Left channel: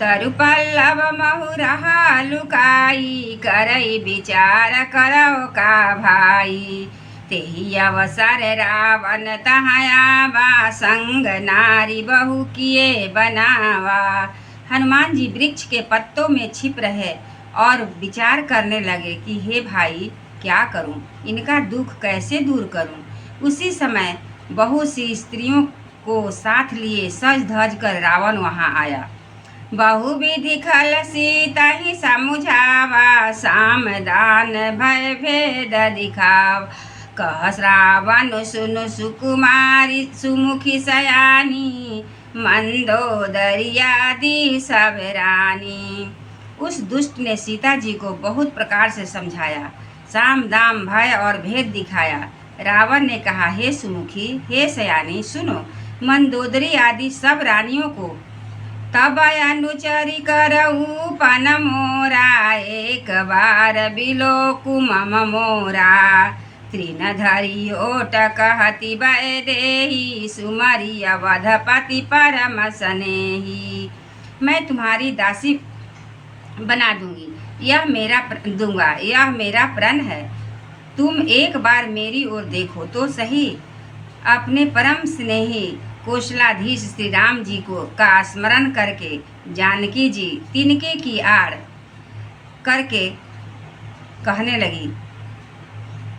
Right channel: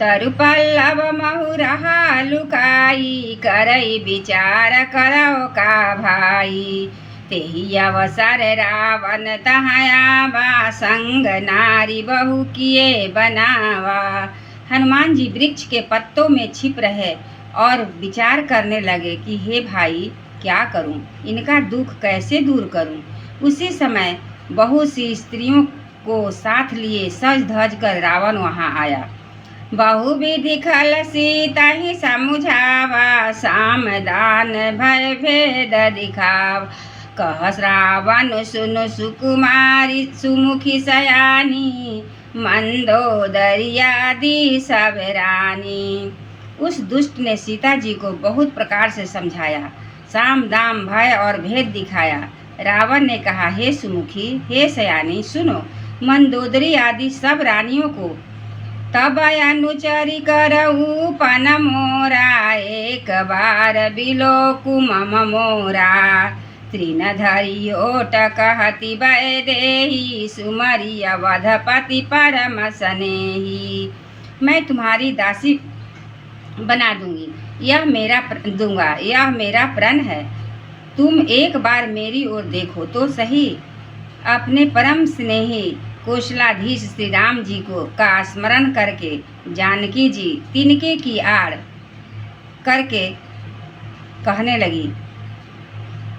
तरु पल्लव महुरहा लुकाई करई विचार करो का भाई। तेहि अवसर रावण तहायावा संग नारी बहु किए बनावा। हनुमान जी वृक्ष के पत्तों में छिप रहे और विचार करने लगे कि हे भाई, क्या करूं, इनका दुख कैसे दूर करूं। उसी समय बहुत सी स्त्रियों को साथ लिए सज धज कर रावण वहां आया। बहु विधि खल सीता ही समुझावा, साम दान भय भेद दिखाव। कह रावण सुन सुकुमारी सुमुखी सयानी, मंदोदरियादि सब रानी। उस दुष्ट ने सीता जी को बहुत प्रकार से समझाया, साम दाम भय और भेद दिखाया। रावण ने कहा, हे सुमुखी, हे सयानी, सुनो, मंदोदरी आदि सब रानियों को तब अनुचरी करऊ पन मोरा, एक बार बिलोकु मम मोरा। तृण धरि ओट कहति भय देहि, सुमरि अवधपति परम स्नेही। मैं तुम्हारी दासी बना दूंगी, यह मेरा प्रण है। तुम एक बार मेरी ओर देखो तो सही। अपने परम स्नेही कौशलाधीश श्री राम जी को का स्मरण करके जानकी जी तिनके की आड़ करके कहने लगी,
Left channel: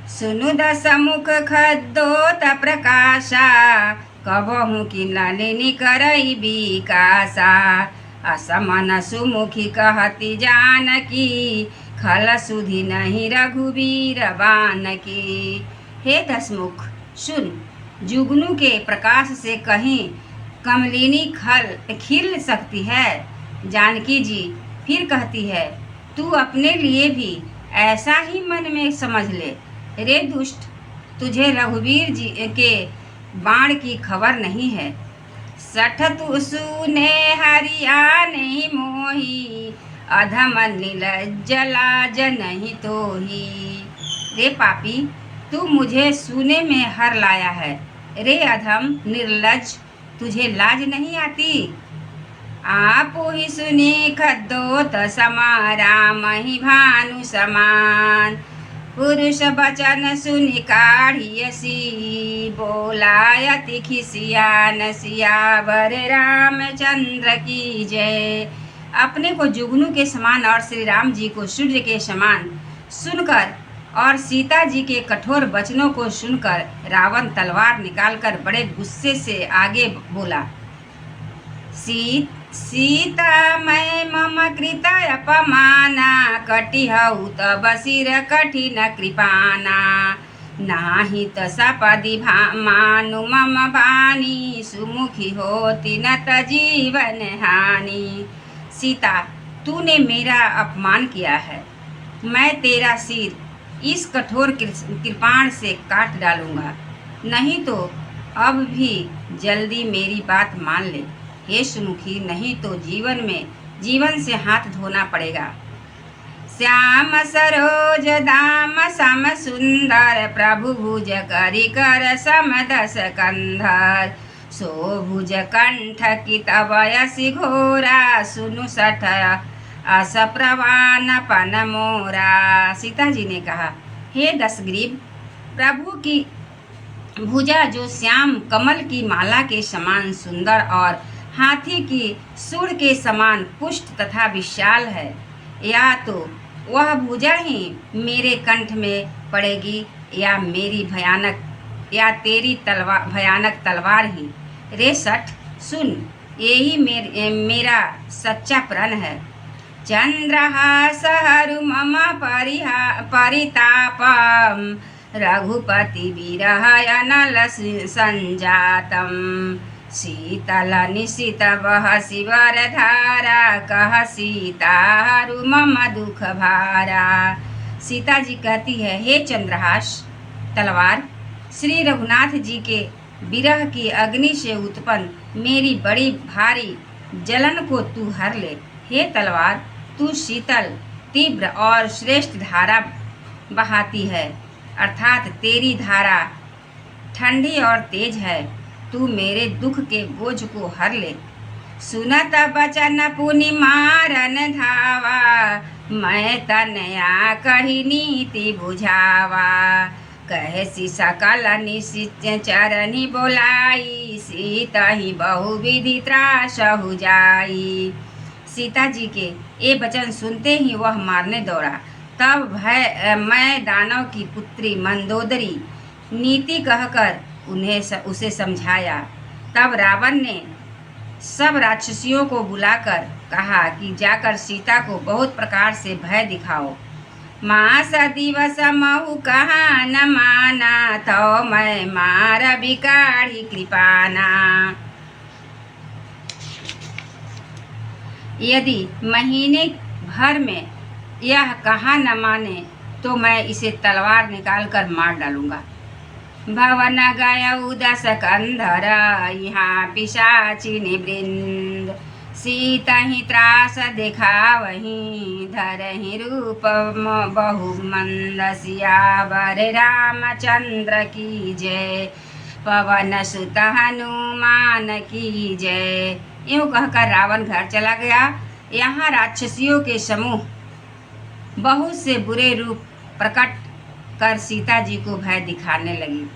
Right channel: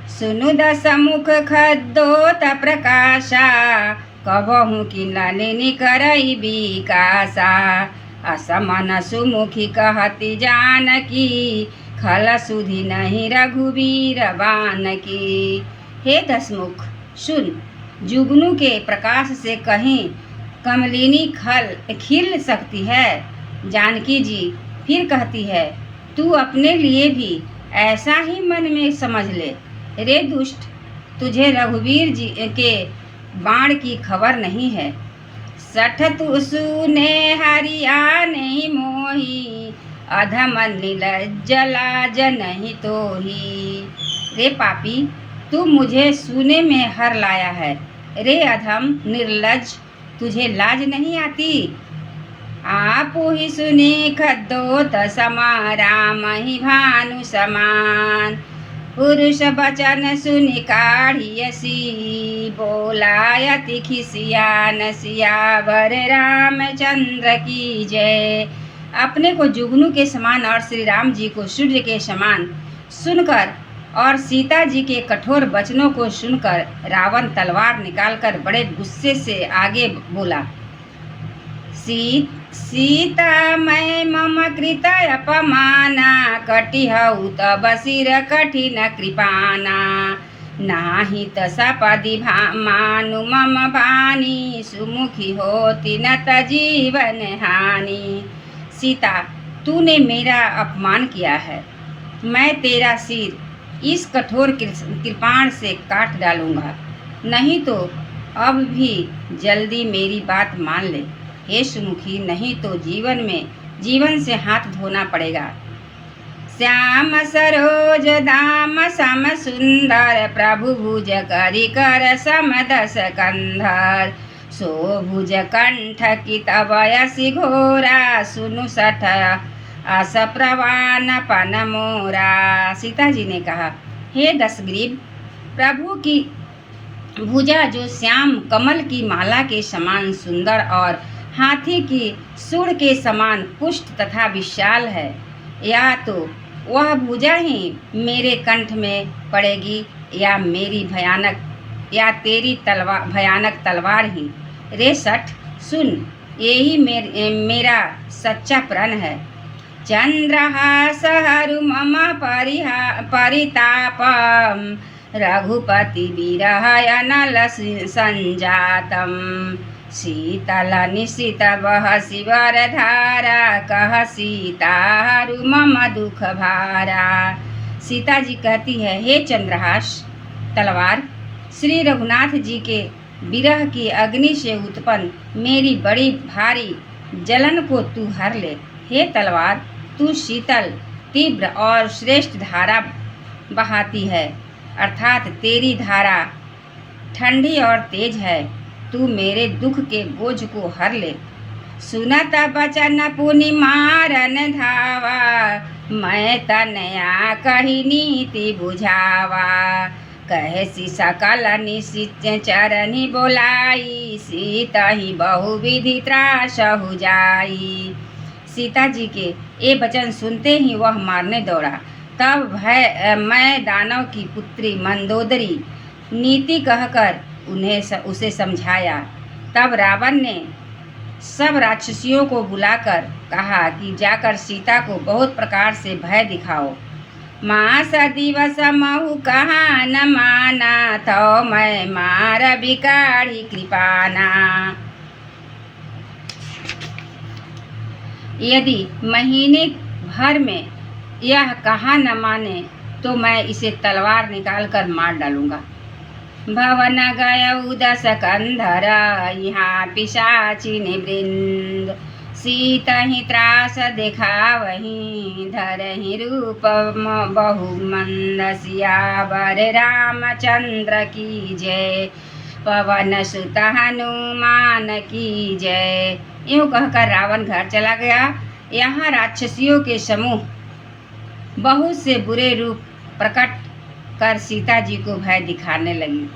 सुनु दस मुख खद्दोत प्रकाशा, कबहु कि नलिनी करई विकासा। असमन सुमुखी कहती जानकी, खल सुधि नहीं रघुवीर बानकी। हे दसमुख, सुन, जुगनू के प्रकाश से कहीं कमलिनी खिल सकती है। जानकी जी फिर कहती है, तू अपने लिए भी ऐसा ही मन में समझ ले। रे दुष्ट, तुझे रघुवीर जी के बाण की खबर नहीं है। सठ तु सुने हरिया नहीं मोही, अधम नीलज्ज लाज नहीं तोही। रे पापी, तू मुझे सूने में हर लाया है। रे अधम निर्लज, तुझे लाज नहीं आती। आप ही सुनी खद्दोत समा, राम ही भानु समान। पुरुष बचन सुनि काढ़ियसी, बोलायति खिसियान सियावर रामचंद्र की जय। अपने को जुगनू के समान और श्री राम जी को सूर्य के समान सुनकर और सीता जी के कठोर वचनों को सुनकर रावण तलवार निकालकर बड़े गुस्से से आगे बोला, सीता मैं मम कृत अपमाना, कटिहउ तब सिर कठिन कृपाना। नाही त सपदि मानु मम बानी, सुमुखी होती न त जीवन हानि। सीता, तूने मेरा अपमान किया है, मैं तेरा सिर इस कठोर कृपाण से काट डालूंगा। नहीं तो अब भी जल्दी मेरी बात मान ले। हे सुमुखी, नहीं तो जीवन से हाथ धोना पड़ेगा। श्याम सरोज दाम सम सुंदर, प्रभु भुज करि कर सम दस कंधर। सो भुज कंठ की तब यसी घोरा, सुनु सठ अस प्रवान पन मोरा। सीता जी ने कहा, हे दशग्रीव, प्रभु की भुजा जो श्याम कमल की माला के समान सुंदर और हाथी की सूंड के समान पुष्ट तथा विशाल है, या तो वह भुजा ही मेरे कंठ में पड़ेगी या तेरी भयानक तलवार ही। रे सठ, सुन, यही मेरा सच्चा प्रण है। चंद्रहास हरु मम परितापम, रघुपति विरह अनल संजातम। शीतल निशित बह शिवर धारा, कह सीता हरु मम दुख भारा। सीता जी कहती है, हे चंद्रहास तलवार, श्री रघुनाथ जी के विरह की अग्नि से उत्पन्न मेरी बड़ी भारी जलन को तू हर ले। हे तलवार, तू शीतल, तीव्र और श्रेष्ठ धारा बहाती है, अर्थात तेरी धारा ठंडी और तेज है। तू मेरे दुख के बोझ को हर ले। सुनत बचन पुनि मारन धावा, मैं तनया कही नीति बुझावा। कहे सी सकल निश्चरनि बोलाई, सीता ही बहुविधि त्रास हो जाई। सीता जी के ये वचन सुनते ही वह मारने दौड़ा। तब मैं दानव की पुत्री मंदोदरी नीति कहकर उसे समझाया। तब रावण ने सब राक्षसियों को बुलाकर कहा कि जाकर सीता को बहुत प्रकार से भय दिखाओ। मास दिवस महु कहा न माना, तो मैं मार बिकाड़ी कृपाना। यदि महीने भर में यह कहा न माने तो मैं इसे तलवार निकाल कर मार डालूंगा। भवन गय दस कंधर, यहाँ पिशाचिनि वृंद। सीता ही त्रास दिखावहीं, धरहि रूप बहु मंद। सियावर रामचंद्र की जय, पवन सुत हनुमान की जय। यूं कहकर रावण घर चला गया। यहाँ राक्षसियों के समूह बहुत से बुरे रूप प्रकट कर सीता जी को भय दिखाने लगी।